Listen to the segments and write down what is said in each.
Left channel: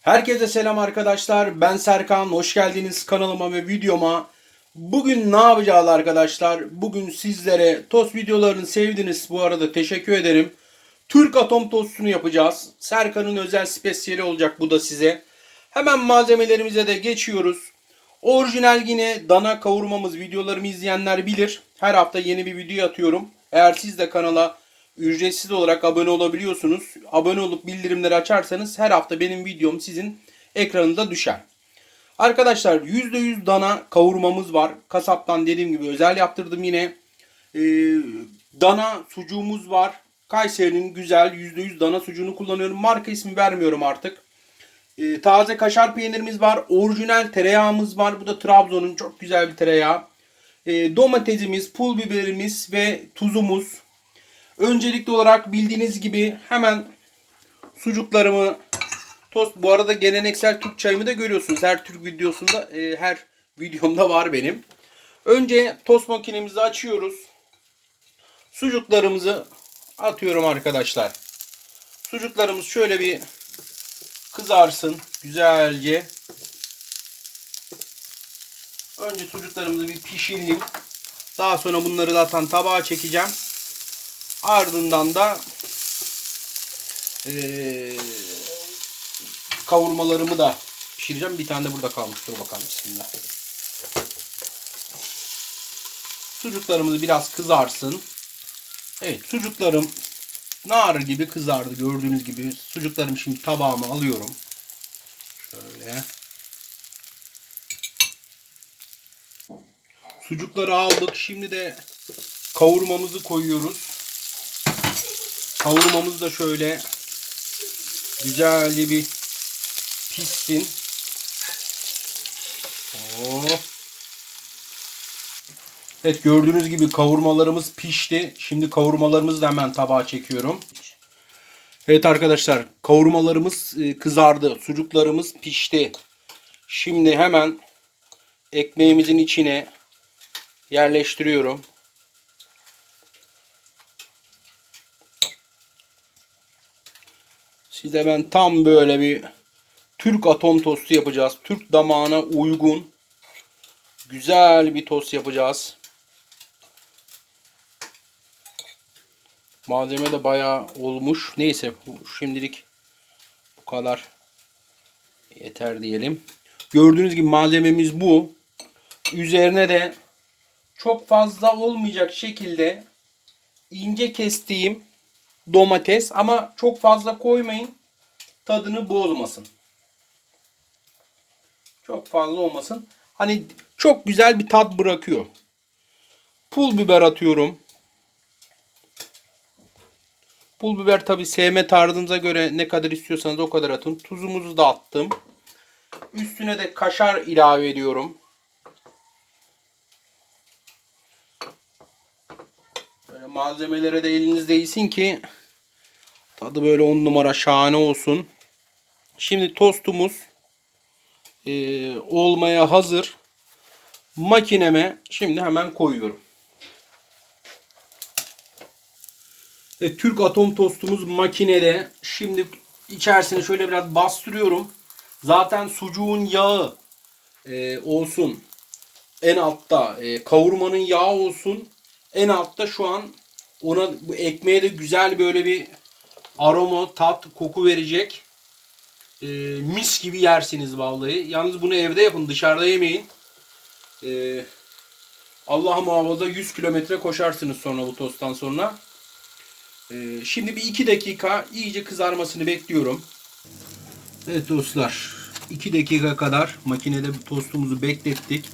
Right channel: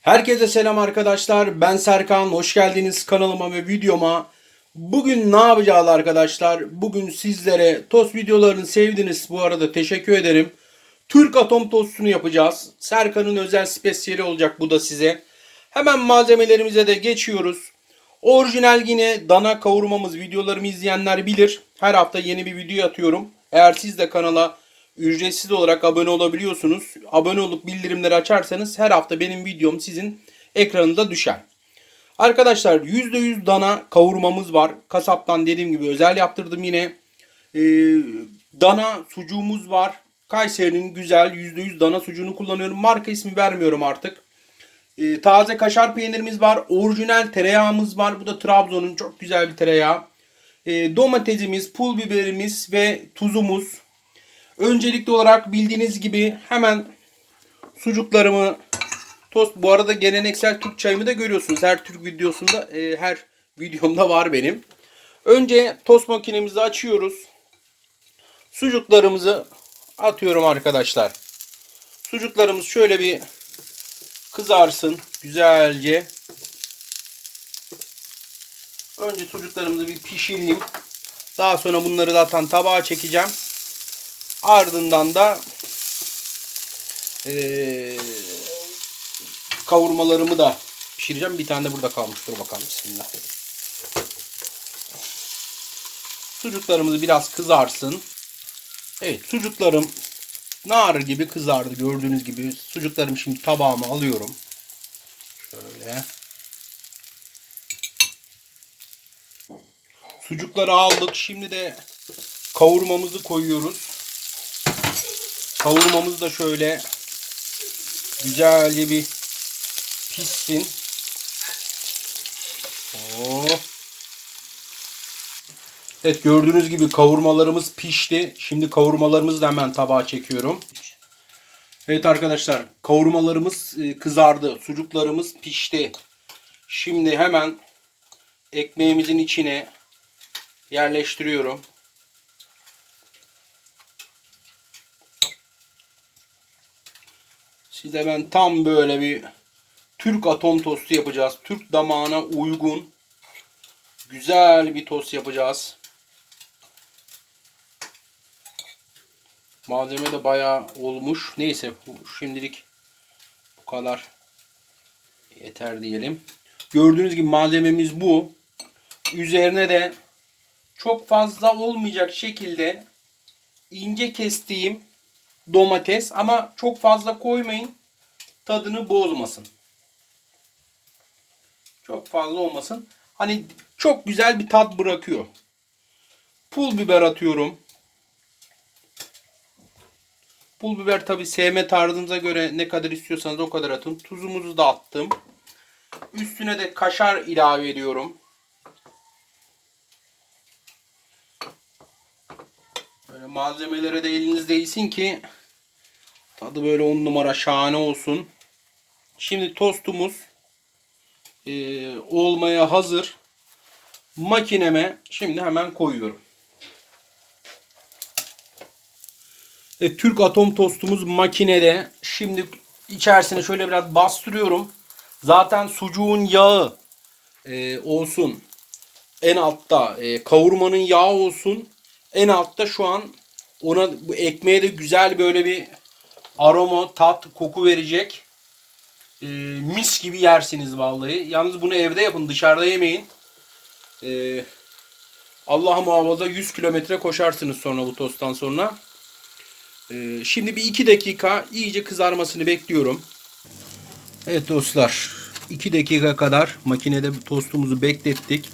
Herkese selam arkadaşlar. Ben Serkan. Hoş geldiniz kanalıma ve videoma. Bugün ne yapacağız arkadaşlar? Bugün sizlere tost videolarını sevdiniz. Bu arada teşekkür ederim. Türk atom tostunu yapacağız. Serkan'ın özel spesiyeli olacak bu da size. Hemen malzemelerimize de geçiyoruz. Orijinal yine dana kavurmamız videolarımı izleyenler bilir. Her hafta yeni bir video atıyorum. Eğer siz de kanala ücretsiz olarak abone olabiliyorsunuz. Abone olup bildirimleri açarsanız her hafta benim videom sizin ekranında düşer. Arkadaşlar %100 dana kavurmamız var. Kasaptan dediğim gibi özel yaptırdım yine. Ee, dana sucuğumuz var. Kayseri'nin güzel %100 dana sucuğunu kullanıyorum. Marka ismi vermiyorum artık. Ee, taze kaşar peynirimiz var. Orijinal tereyağımız var. Bu da Trabzon'un çok güzel bir tereyağı. Ee, domatesimiz, pul biberimiz ve tuzumuz. Öncelikli olarak bildiğiniz gibi hemen sucuklarımı tost. Bu arada geleneksel Türk çayımı da görüyorsunuz. Her Türk videosunda, e, her videomda var benim. Önce tost makinemizi açıyoruz. Sucuklarımızı atıyorum arkadaşlar. Sucuklarımız şöyle bir kızarsın güzelce. Önce sucuklarımızı bir pişireyim. Daha sonra bunları zaten tabağa çekeceğim. Ardından da eee, kavurmalarımı da pişireceğim. Bir tane de burada kalmıştır bakalım. Bismillah. Sucuklarımız biraz kızarsın. Evet sucuklarım nar gibi kızardı gördüğünüz gibi. Sucuklarımı şimdi tabağıma alıyorum. Şöyle. Sucukları aldık. Şimdi de kavurmamızı koyuyoruz. Kavurmamız da şöyle güzelce bir pişsin. Oh. Evet gördüğünüz gibi kavurmalarımız pişti. Şimdi kavurmalarımızı da hemen tabağa çekiyorum. Evet arkadaşlar kavurmalarımız e, kızardı. Sucuklarımız pişti. Şimdi hemen ekmeğimizin içine yerleştiriyorum. Size ben tam böyle bir Türk atom tostu yapacağız. Türk damağına uygun güzel bir tost yapacağız. Malzeme de bayağı olmuş. Neyse şimdilik bu kadar yeter diyelim. Gördüğünüz gibi malzememiz bu. Üzerine de çok fazla olmayacak şekilde ince kestiğim domates ama çok fazla koymayın. Tadını bozmasın. Çok fazla olmasın. Hani çok güzel bir tat bırakıyor. Pul biber atıyorum. Pul biber tabi sevme tarzınıza göre ne kadar istiyorsanız o kadar atın. Tuzumuzu da attım. Üstüne de kaşar ilave ediyorum. Böyle malzemelere de eliniz değsin ki tadı böyle on numara şahane olsun. Şimdi tostumuz e, olmaya hazır. Makineme şimdi hemen koyuyorum. E, Türk atom tostumuz makinede. Şimdi içerisine şöyle biraz bastırıyorum. Zaten sucuğun yağı e, olsun. En altta e, kavurmanın yağı olsun. En altta şu an ona bu ekmeğe de güzel böyle bir aroma, tat, koku verecek. E, mis gibi yersiniz vallahi. Yalnız bunu evde yapın, dışarıda yemeyin. E, Allah muhafaza 100 kilometre koşarsınız sonra bu tosttan sonra. E, şimdi bir 2 dakika iyice kızarmasını bekliyorum. Evet dostlar 2 dakika kadar makinede tostumuzu beklettik.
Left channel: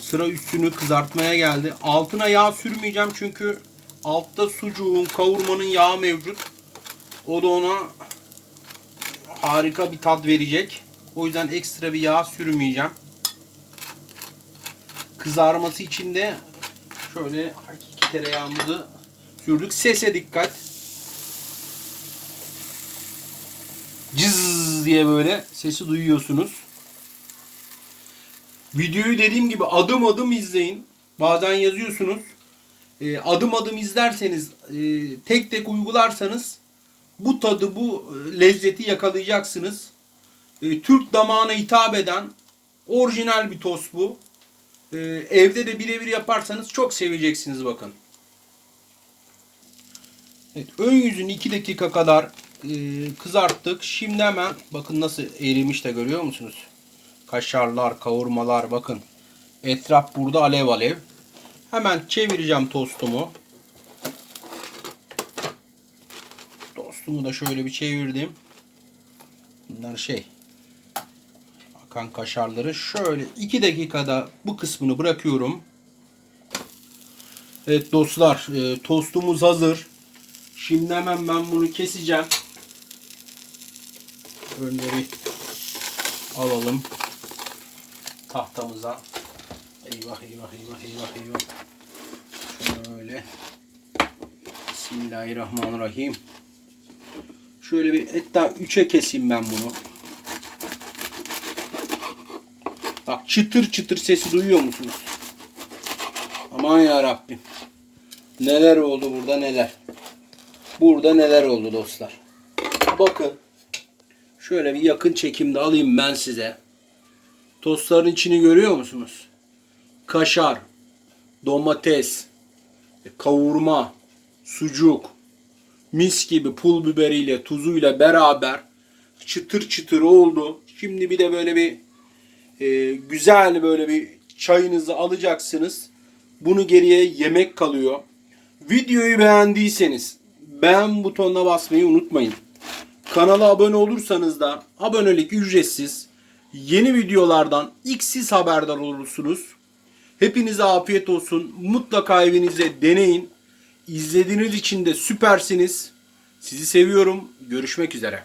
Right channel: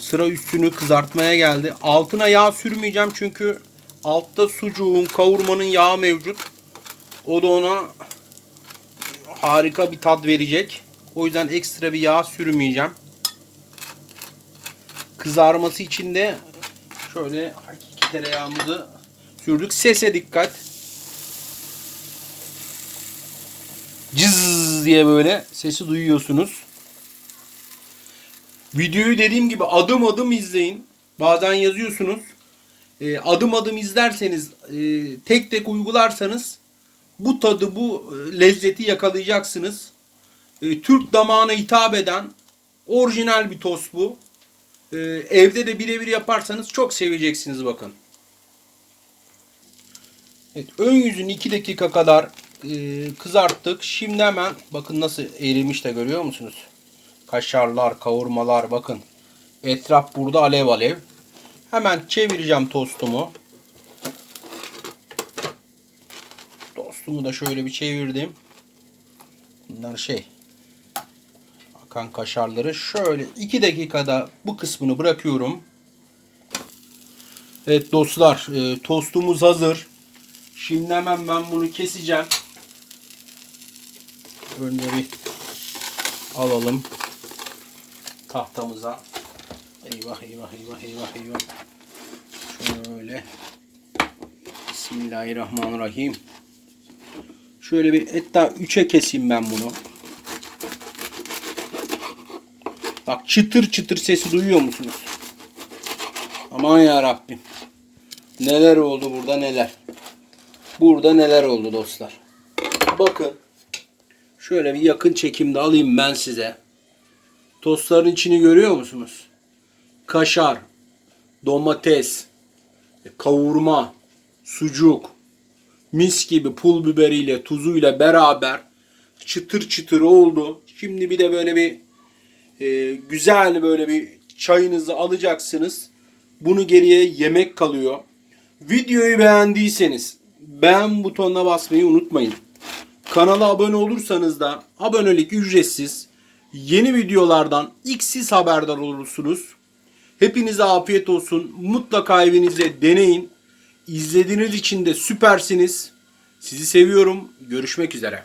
Sıra üstünü kızartmaya geldi. Altına yağ sürmeyeceğim çünkü altta sucuğun, kavurmanın yağı mevcut. O da ona harika bir tat verecek. O yüzden ekstra bir yağ sürmeyeceğim. Kızarması için de şöyle hakiki tereyağımızı sürdük. Sese dikkat. Cız diye böyle sesi duyuyorsunuz. Videoyu dediğim gibi adım adım izleyin. Bazen yazıyorsunuz. E, adım adım izlerseniz, e, tek tek uygularsanız bu tadı, bu lezzeti yakalayacaksınız. e, Türk damağına hitap eden orijinal bir tost bu. E, evde de birebir yaparsanız çok seveceksiniz bakın. Evet, ön yüzünü 2 dakika kadar e, kızarttık. Şimdi hemen bakın nasıl erimiş de görüyor musunuz? Kaşarlar, kavurmalar bakın. Etraf burada alev alev. Hemen çevireceğim tostumu. Tostumu da şöyle bir çevirdim. Bunlar şey akan kaşarları şöyle 2 dakikada bu kısmını bırakıyorum. Evet dostlar e, tostumuz hazır. Şimdi hemen ben bunu keseceğim. Önce bir alalım tahtamıza. Eyvah eyvah eyvah eyvah eyvah. Şöyle. Bismillahirrahmanirrahim. Şöyle bir hatta 3'e keseyim ben bunu. Bak çıtır çıtır sesi duyuyor musunuz? Aman ya Rabbim. Neler oldu burada neler. Burada neler oldu dostlar. Bakın. Şöyle bir yakın çekimde alayım ben size. Tostların içini görüyor musunuz? Kaşar, domates, kavurma, sucuk, mis gibi pul biberiyle, tuzuyla beraber çıtır çıtır oldu. Şimdi bir de böyle bir e, güzel böyle bir çayınızı alacaksınız. Bunu geriye yemek kalıyor. Videoyu beğendiyseniz beğen butonuna basmayı unutmayın. Kanala abone olursanız da abonelik ücretsiz. Yeni videolardan ilk siz haberdar olursunuz. Hepinize afiyet olsun. Mutlaka evinizde deneyin. İzlediğiniz için de süpersiniz. Sizi seviyorum. Görüşmek üzere.